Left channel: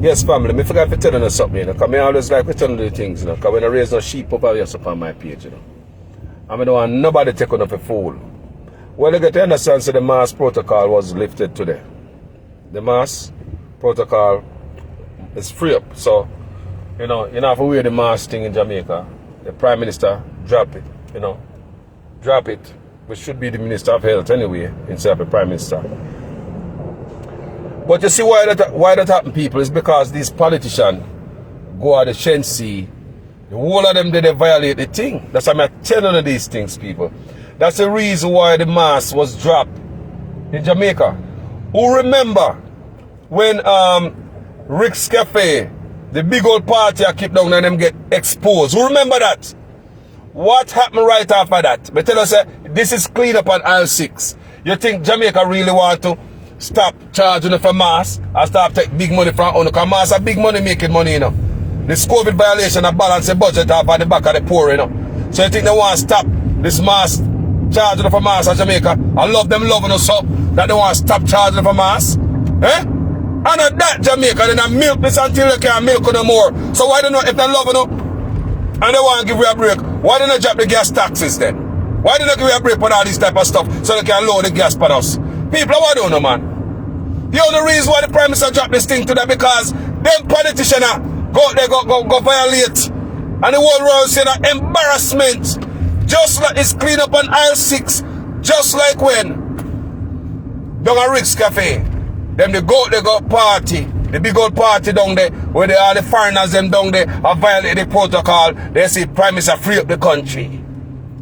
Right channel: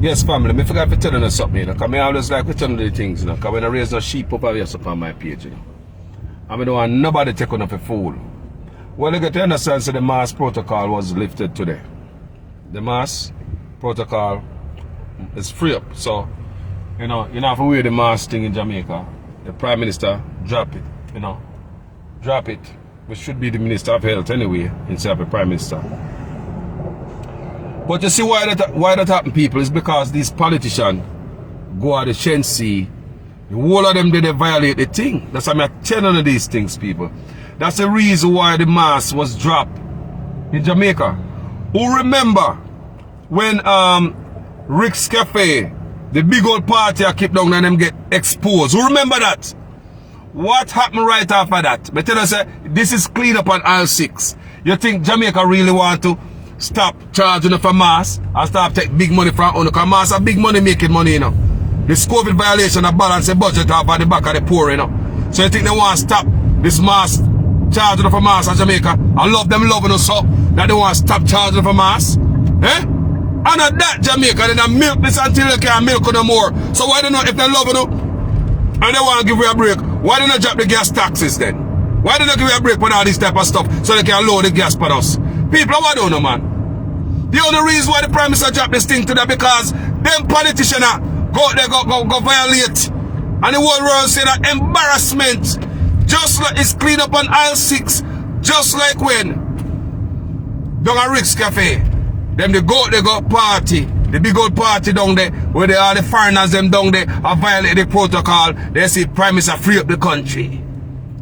Yes, family, me forgot to tell you something, you know, because I always like to tell you the things, you know, because when I raise no sheep up on my page, you know. I don't want nobody take on a fool. Well, you get to understand, so the mass protocol was lifted today. The mass protocol is free up, so, you know, you don't have to wear the mask thing in Jamaica. The Prime Minister drop it, you know. Drop it, which should be the Minister of Health anyway, instead of the Prime Minister. But you see why that happen, people, is because these politicians go at the Shensi, the whole of them they violate the thing. That's why I'm telling you these things, people. That's the reason why the mask was dropped in Jamaica. Who remember when Rick's Cafe, the big old party I keep down and them get exposed? Who remember that? What happened right after that? But tell us, this is clean up on aisle 6. You think Jamaica really want to stop charging for mass and start take big money from owner? Because mass are big money making money, you know. This COVID violation of balance the budget off at the back of the poor, you know. So you think they want to stop this mass charging for mass in Jamaica? I love them loving us so that they want to stop charging for mass? Eh? And at that Jamaica, then I milk this until you can't milk no more. So why don't know if they're loving us and they want to give you a break? Why don't they drop the gas taxes then? Why don't they give you a break on all this type of stuff so they can lower the gas for us? People, I don't know, man. The only reason why the Prime Minister dropped this thing today because them politicians go violate. And the whole world say that embarrassment. Just like it's clean up on aisle 6. Just like when down at Rick's Cafe. Them they go party. The big old party down there where they are the foreigners them down there have violated the protocol. They say Prime Minister free up the country.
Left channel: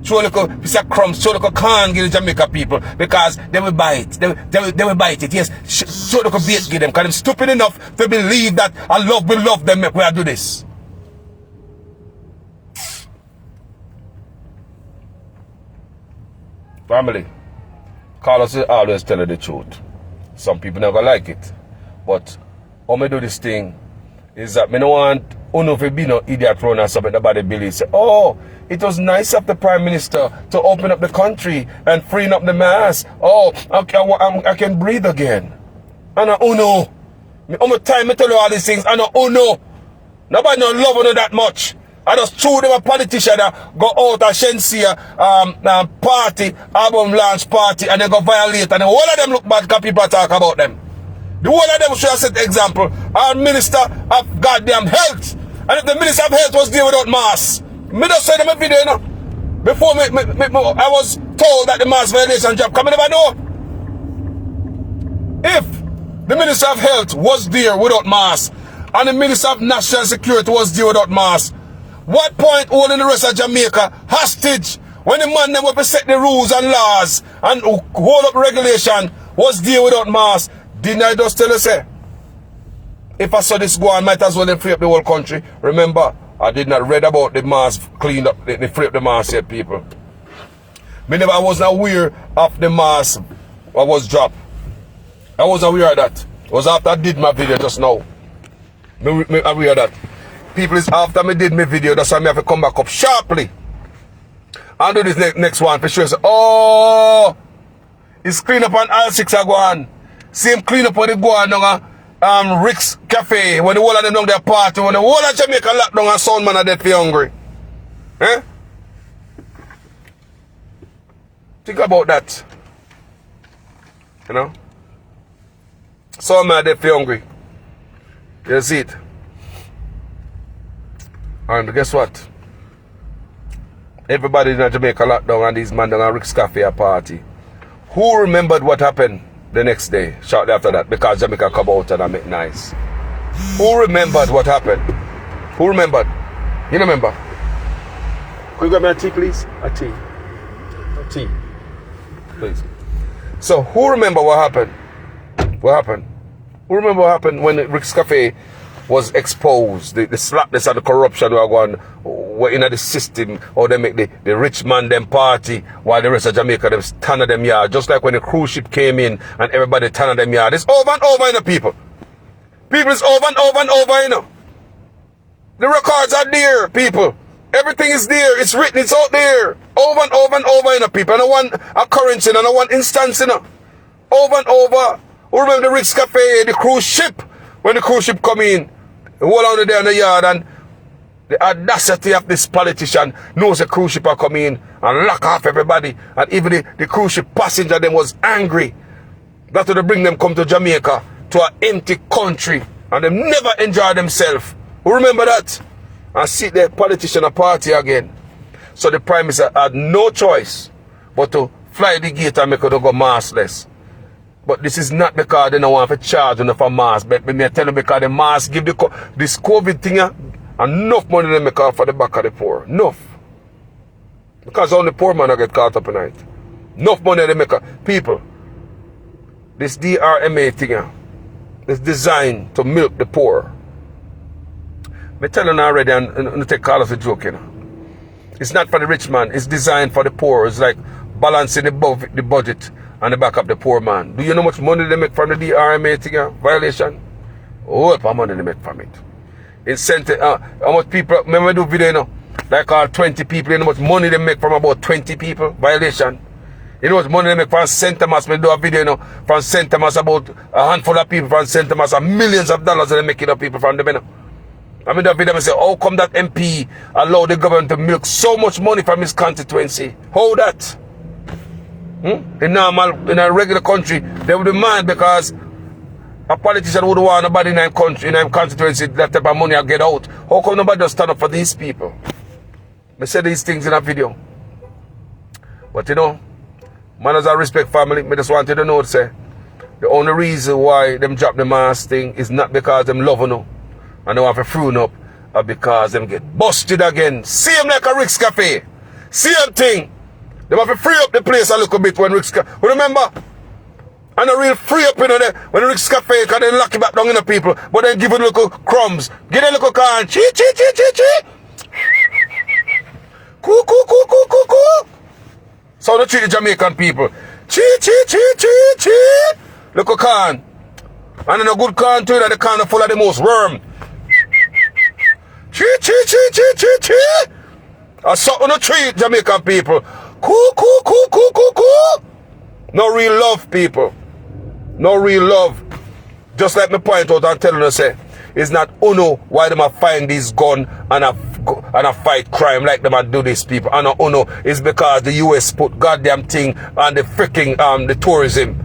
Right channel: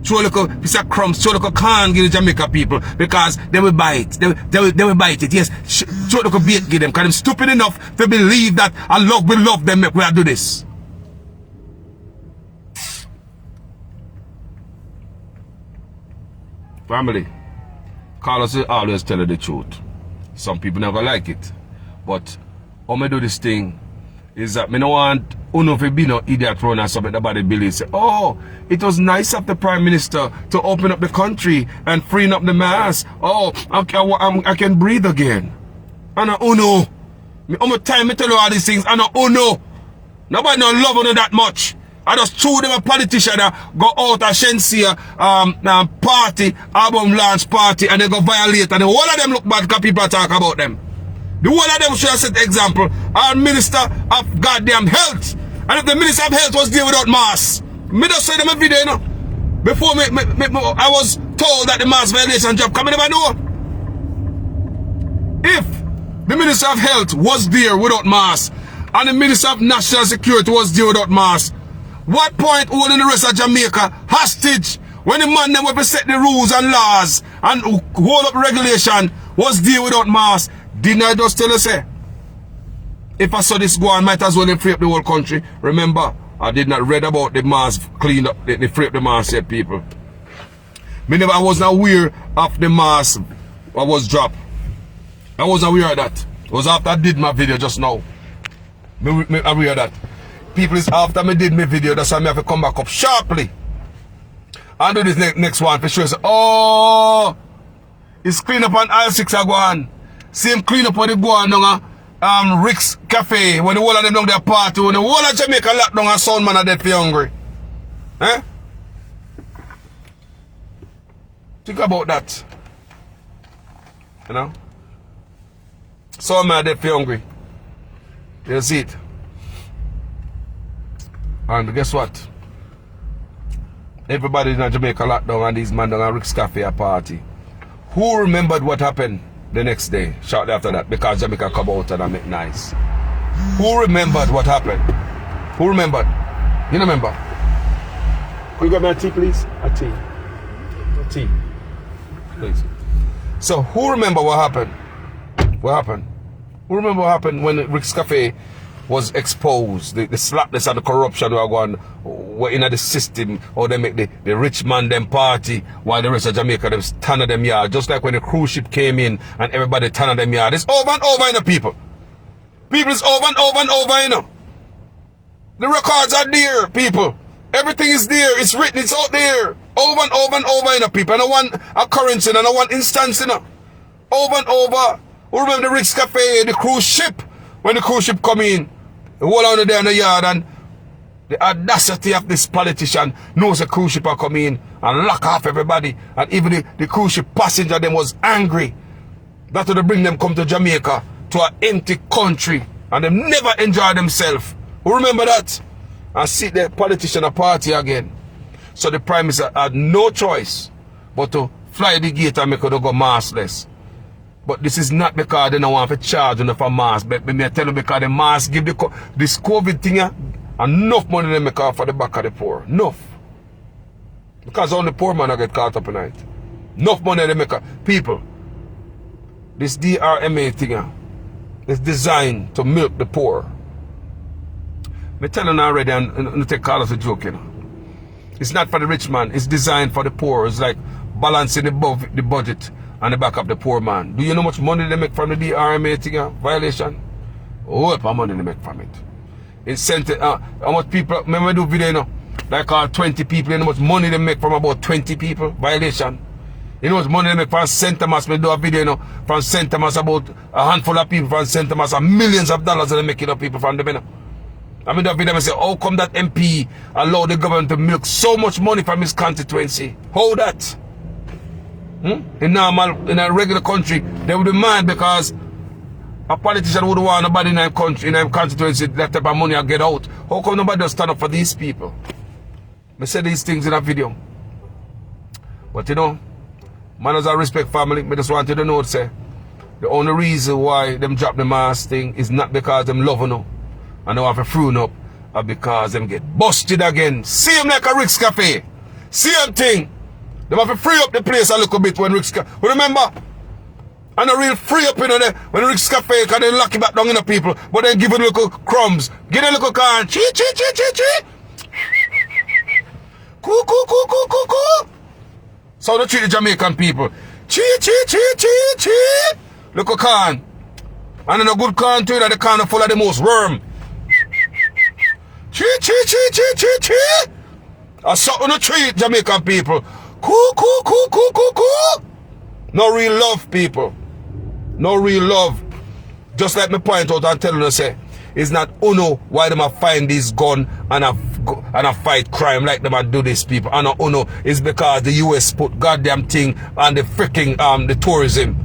Show a little piece of crumbs, show a little can give the Jamaica people because they will buy it. They will buy it. Yes, show a little bait give them because they're stupid enough to believe that we love them make we do this. Family, Carlos will always tell you the truth. Some people never like it. But how me do this thing is that me no want uno to be no idiot run or something about the bill. Say, oh, it was nice of the Prime Minister to open up the country and freeing up the mass. Oh, I can breathe again. And I uno. How much time I tell you all these things? And I uno. Nobody no love uno that much. I just threw them a politician that go out of Shensia party, album launch party, and they go violate. And the whole of them look bad because people talk about them. The whole of them should have set the example. Our Minister of goddamn Health. And if the Minister of Health was there without mask, me just said in my video, you know, before I was told that the mask violation job, come I never know. If the Minister of Health was there without mask, and the Minister of National Security was there without mask, what point holding the rest of Jamaica hostage when the man them will set the rules and laws and hold up regulation was there without mask? Didn't I just tell you, say, if I saw this go on, might as well free up the whole country. Remember, I did not read about the mask cleaned up, they free up the mask yet, people. I was not aware of the mask I was dropped. I wasn't aware of that. It was after I did my video just now. I aware of that. People, is after I did my video, that's why I have to come back up sharply. And do this next one for sure. Say, oh, it's clean up on aisle 6 I go on. Same clean up when they go on down Rick's Cafe, when the whole of them down their party, when the whole of Jamaica locked down and sound man are dead for hungry. Eh? Think about that. You know? Sound man are dead for hungry. You see it? And guess what? Everybody in Jamaica locked down and these men down at Rick's Cafe a party. Who remembered what happened the next day, shortly after that, because Jamaica come out and I make nice? Who remembered what happened? Who remembered? You remember? Could you get me a tea, please? A tea. A tea. Please. So, who remember what happened? What happened? Who remember what happened when Rick's Cafe was exposed? The slapness and the corruption were in the system, or they make the rich man them party while the rest of Jamaica them stand at them yard. Just like when the cruise ship came in and everybody stand at them yard. It's over and over, you know, people. People, it's over and over and over, you know. The records are there, people. Everything is there. It's written. It's out there. Over and over and over, you know, people. And I want occurrence, and I want instance, you know. Over and over. Remember the Rick's Cafe, the cruise ship When the cruise ship come in, the whole out there in the yard, and the audacity of this politician knows the cruise ship are coming in and lock off everybody. And even the cruise ship passenger them was angry. That's why they bring them come to Jamaica, to an empty country, and they never enjoy themselves. Remember that? And see the politician a party again. So the Prime Minister had no choice but to fly the gate and make it go maskless. But this is not because they don't want to charge enough for mask. But me tell you because the mask give this COVID thing enough money to make off for the back of the poor. Enough. Because only poor man get caught up in it. Enough money to make people. This DRMA thing is designed to milk the poor. Me telling you already, and take Carlos a joke, you know. It's not for the rich man. It's designed for the poor. It's like balancing the budget and the back of the poor man. Do you know how much money they make from the DRMA thing? Violation? Oh, how much money they make from it. It's sent how much people, remember do video, you know, like 20 people, you know how much money they make from about 20 people? Violation. You know how much money they make from St. Thomas? We do a video, you know, from St. Thomas, about a handful of people from St. Thomas, and millions of dollars they make it up people from them, you know. I mean, that video, I say, how come that MP allowed the government to milk so much money from his constituency? How that? In a regular country, they would demand because a politician would want nobody in a country, in a constituency, that type of money will get out. How come nobody just stand up for these people? I say these things in a video. But you know, Mannaz Respect family, I just wanted to know, say, the only reason why them drop the mask thing is not because them love you, and they want to fruit up, or because them get busted again. Same like a Rick's Cafe. Same thing. They have to free up the place a little bit when Rick's Cafe. Remember? And they real free up in there when Rick's Cafe, because they lock it back down in the people, but then give them little crumbs. Give them a little can. Chee, chee, chee, chee, chee. Coo, coo, coo, coo, coo, coo. So they treat the Jamaican people. Chee, chee, chee, chee, chee. Little can. And then a good can too, that the can full of the most worm. Chee, chee, chee, chee, chee, chee. I saw on the treat Jamaican people. Coo, coo, coo, coo, coo, coo. No real love, people. No real love. Just like me point out and tell you, say, it's not uno why them a find this gun and a fight crime like them a do this, people. And uno is because the US put goddamn thing on the freaking the tourism.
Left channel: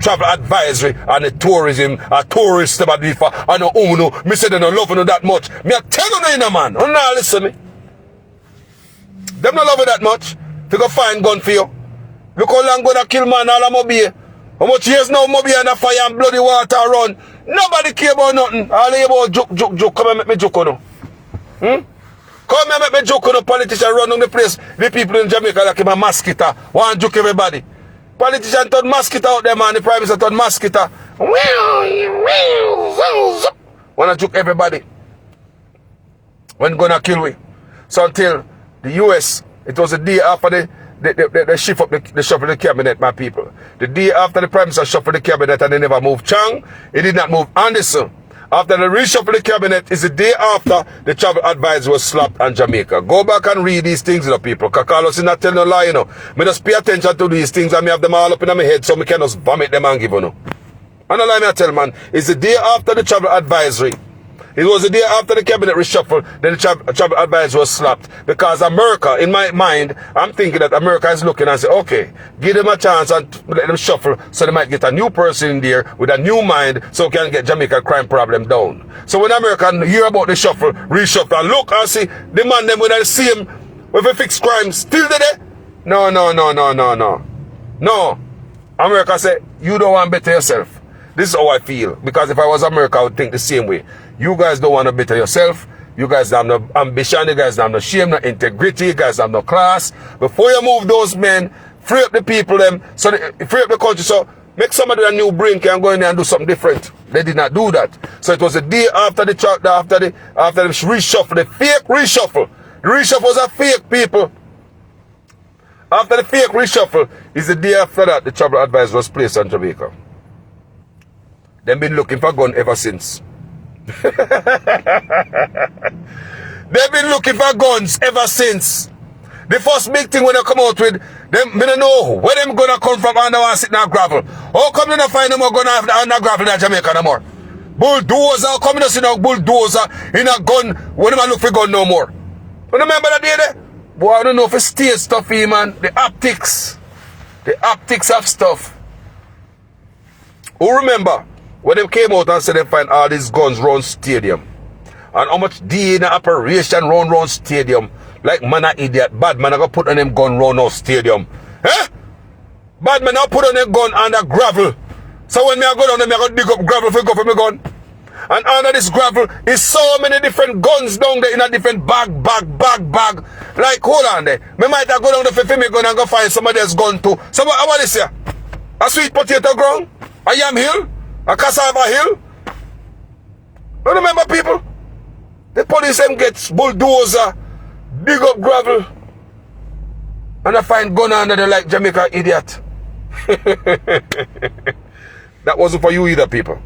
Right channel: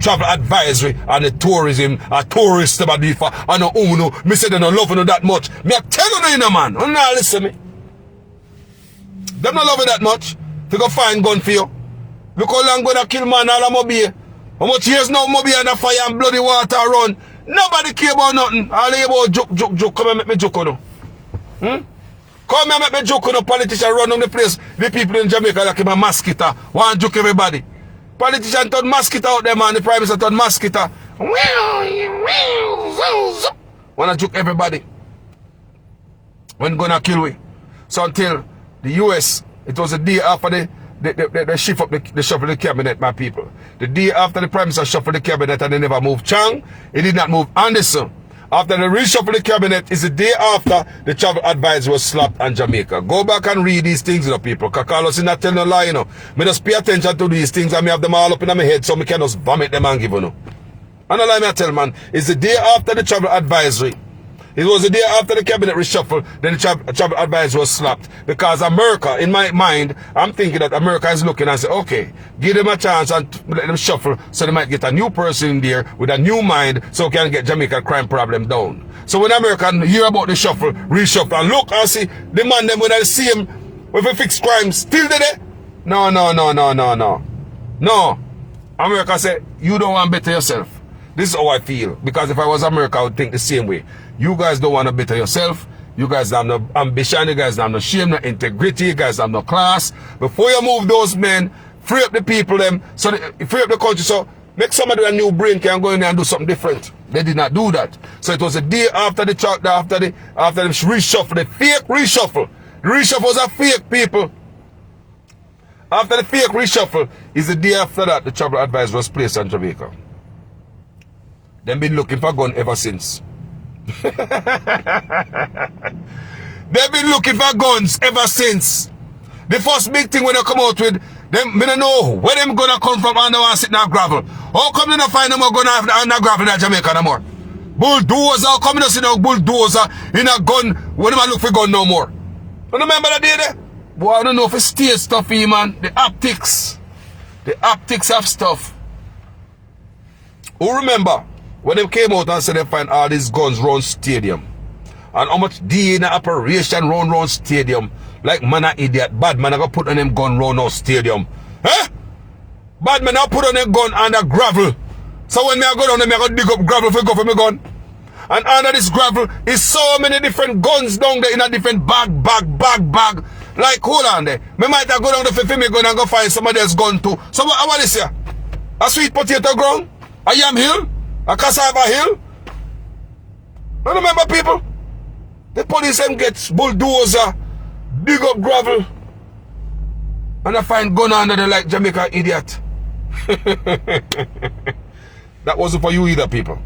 Travel advisory and the tourism, a tourist them a do for and uno. Me say they don't love you that much. Me a tell you, man. You not listen me. Them not love you that much. To go find gun for you. Look how long gonna kill man all of Mobile. How much years now Mobile and a fire and bloody water run. Nobody care about nothing. All they about joke. Come and make me joke on you. Come and make me joke on you. Politician run on the place. The people in Jamaica like him a mosquito. Want joke everybody. Politician turn mosquito out there, man. The Prime Minister turn mosquito. Wanna joke everybody. When gonna kill we. So until the US, it was the day after they shift up the shuffle the cabinet, my people. The day after the Prime Minister shuffled the cabinet and they never moved Chang, he did not move Anderson. After the reshuffle the cabinet is the day after the travel advisor was slapped on Jamaica. Go back and read these things, you know, people. Because Carlos is not telling a lie, you know. Me just pay attention to these things and me have them all up in my head so me can just vomit them and give you know. And all I tell man, it's the day after the travel advisory. It was the day after the cabinet reshuffle, then the travel advisor was slapped. Because America, in my mind, I'm thinking that America is looking and say, okay, give them a chance and let them shuffle so they might get a new person in there with a new mind so we can get Jamaica crime problem down. So when America hear about the reshuffle, and look and see the man them when I see him with a fixed crime still there. No. No. America say, you don't want to better yourself. This is how I feel. Because if I was America, I would think the same way. You guys don't want to better yourself. You guys have no ambition. You guys have no shame, no integrity. You guys have no class. Before you move those men, free up the people, free up the country. So make somebody with a new brain can go in there and do something different. They did not do that. So it was the day after the reshuffle, the fake reshuffle. The reshuffle was a fake, people. After the fake reshuffle is the day after that the travel advisor was placed on Jamaica. They've been looking for gun ever since. They've been looking for guns ever since. The first big thing when they come out with, them, I don't know where them gonna come from and they want to sit in a gravel. How come they don't find them gun on the gravel in Jamaica no more? Bulldozer, coming to see now bulldozer in a gun. When am I look for gun no more? You remember that day there? Boy, I don't know if it's state stuff here, man. The optics. The optics of stuff. Who remember when they came out and said they find all these guns round stadium? And how much DNA operation round stadium? Like man a idiot. Bad man I go put on them gun round our stadium. Eh? Bad man I put on them gun under gravel. So when me I go down there, I go dig up gravel for go for my gun. And under this gravel is so many different guns down there in a different bag. Like, hold on there. Me might have go down there for me gun and go find somebody else's gun too. So what is here? A sweet potato ground? A yam hill? A cassava hill? You remember people? The police them gets bulldozer, dig up gravel, and I find gun under there like Jamaica idiot. That wasn't for you either, people.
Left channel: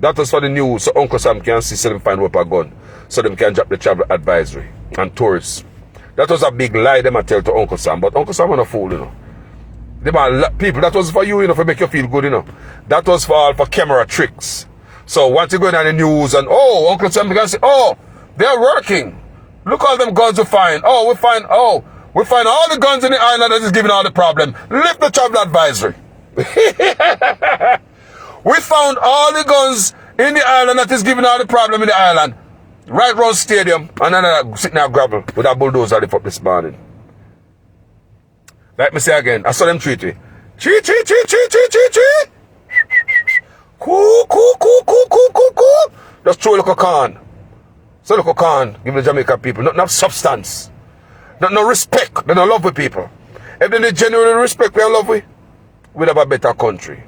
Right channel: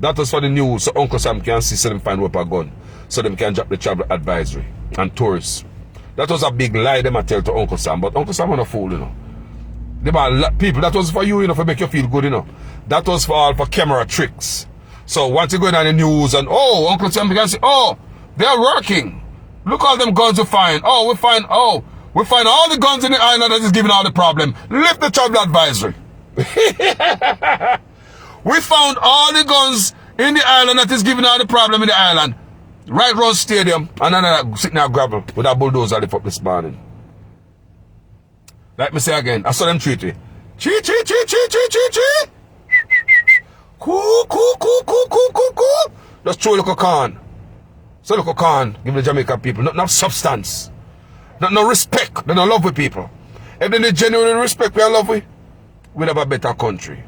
That was for the news, so Uncle Sam can see so them find up a gun, so them can drop the travel advisory and tourists. That was a big lie them I tell to Uncle Sam, but Uncle Sam was a fool, you know. People, that was for you, you know, for make you feel good, you know. That was for all for camera tricks. So once you go in on the news and, oh, Uncle Sam can say, oh, they're working. Look all them guns we find. Oh, we find all the guns in the island that is giving all the problem. Lift the travel advisory. We found all the guns in the island that is giving all the problem in the island. Right round stadium. And then I sitting there gravel with a bulldozer lift up this morning. Like me say again, I saw them treat me. Treat. Cool. Just throw a little can. So look a can, give the Jamaican people. Not enough substance. Not no respect. They don't love with people. If they genuinely respect we are love with, we'd have a better country.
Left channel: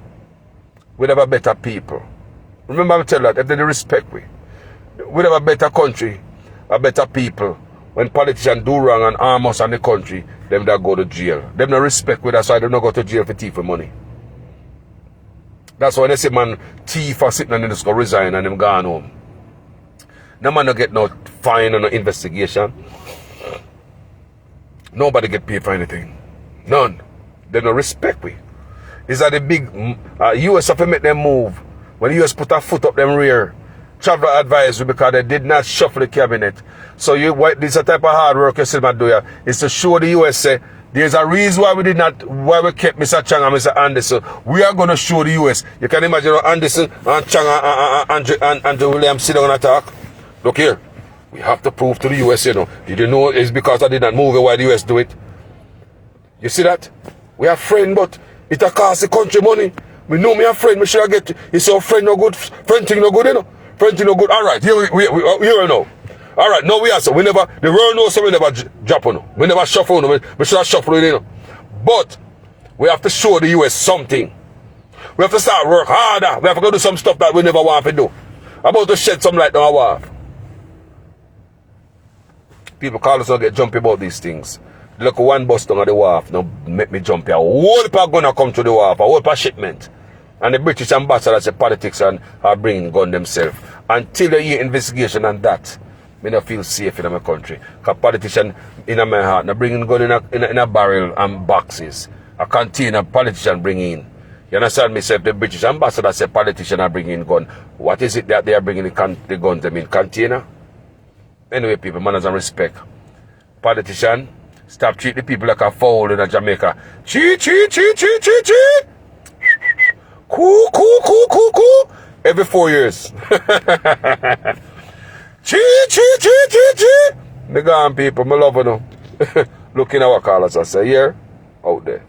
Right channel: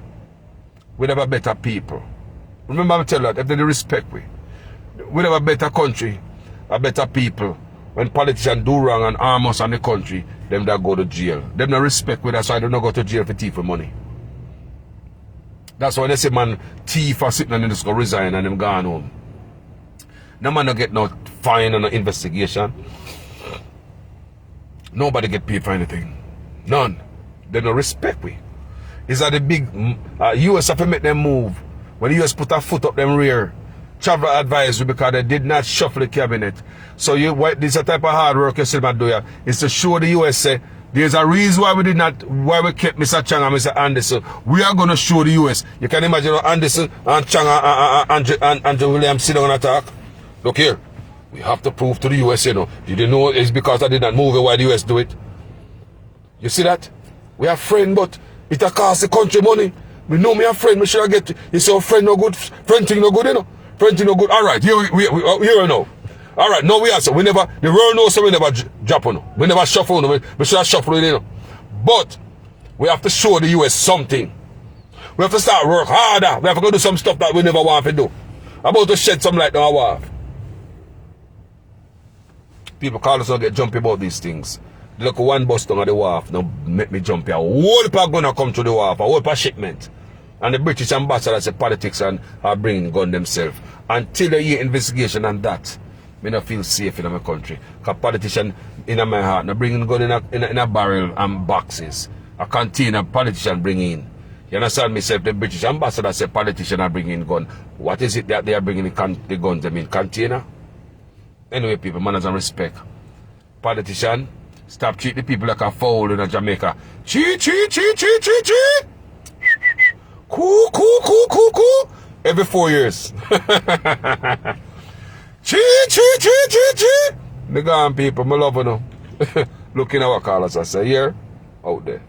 We'd have a better people. Remember I tell that, if they respect we'd have a better country, a better people. When politicians do wrong and harm us and the country, them that go to jail. Them no respect with us, so they don't go to jail for thief for money. That's why they say man thief for sitting and then just go resign and them gone home. No man don't get no fine or no investigation. Nobody get paid for anything. None. They no respect we. Is that the big US have to make them move. When the US put a foot up them rear, travel advisory because they did not shuffle the cabinet. So this is a type of hard work you see man do here, is to show the US say there's a reason why we kept Mr. Chang and Mr. Anderson. We are going to show the US. You can imagine how Anderson and Chang and Andrew Williams sit down and talk. Look here, we have to prove to the US, you know. Did you know it's because I did not move it, why the US do it? You see that? We are friends, but it costs the country money. We know me a friend, we should get, you say, friend no good, friend thing no good, you know. Friend thing no good. All right, here we know. All right, no, we answer. We never, the world knows so we never drop on. We never shuffle on. We should have shuffled, you know. But we have to show the US something. We have to start work harder. We have to go do some stuff that we never want to do. I'm about to shed some light on our wharf. People call us and get jumpy about these things. Look, one bus down at the wharf, now make me jump here. A whole heap are gonna come to the wharf, a whole heap of shipment. And the British ambassador say politics and are bringing gun themselves. Until the year investigation and that, me not feel safe in my country. Because politician in my heart, now bringing gun in a barrel and boxes. A container politician bring in. You understand me? So if the British ambassador say politician are bringing gun, what is it that they are bringing the guns them in? Container? Anyway, people, manners and respect. Politician, stop treating the people like a fowl in Jamaica. Chee. Coo. Every 4 years. Chee. Me gone, people, me love you. Looking at what Carlos I say here, out there.